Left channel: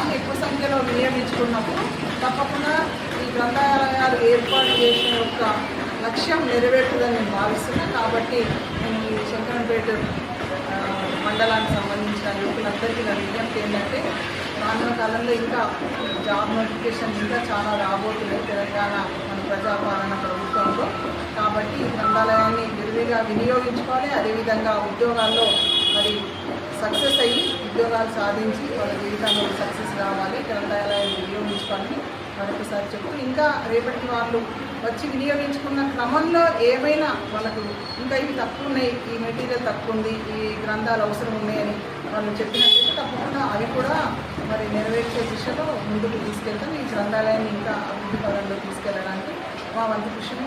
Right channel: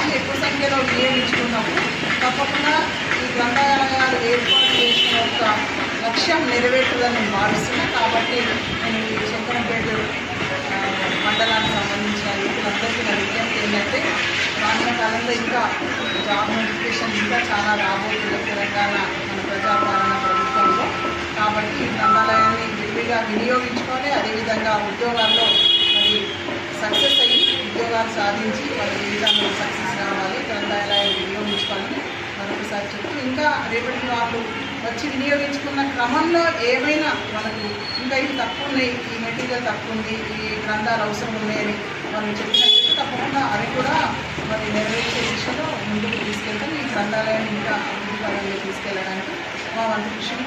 వాళ్ళు ఎక్కువ సంఖ్యలో వినియోగించుకున్నప్పుడు తప్పకుండా ఈ గ్రంథాలయాలు ఏర్పాటు చేసిన యొక్క లక్ష్యం నెరవేరుతుందని నేను భావిస్తున్నాను. కాబట్టి నేను ఈ శంకరంపేట మండలానికి సంబంధించిన యువకులందరికీ నా విజ్ఞప్తి ఏంటంటే రానున్న కాలంలో ఇంకా జాబ్ నోటిఫికేషన్ ఇంకా చాలా రాబోతుంది తెలంగాణ మన ప్రజాపాలన ప్రభుత్వంలో. కాబట్టి ఈ గ్రంథాలయాన్ని విరివిగా వినియోగించుకోవాలి. అదేవిధంగా ఉద్యోగాల్లో మరి సక్సెస్ అయ్యి ఉద్యోగాలు సాధించి వాళ్ళ జీవితంలో సక్సెస్ కావాలి. గ్రంథాలయాన్ని వినియోగించుకోవాలని మరొకసారి చెప్తూ ఇంకా రేపటి వాళ్ళు వచ్చి వినియోగించుకున్న క్రమంలో ఏమైనా వాళ్ళకు ఇంకా ఇవి తక్కువ ఉన్నాయి, ఈ మెటీరియల్ తక్కువ ఉంది, ఈ గ్రంథాలు అవసరం ఉన్నాయని వాళ్ళు చెప్పినట్టు తప్పకుండా అవి కూడా మరి నెరవేర్చే దిశలో ముందుకు తీసుకెళ్తాం. ఈ గ్రంథాలయాన్ని ఇంకా అభివృద్ధి పరంగా తీసుకెళ్ళడానికి మా వంతు కృషిని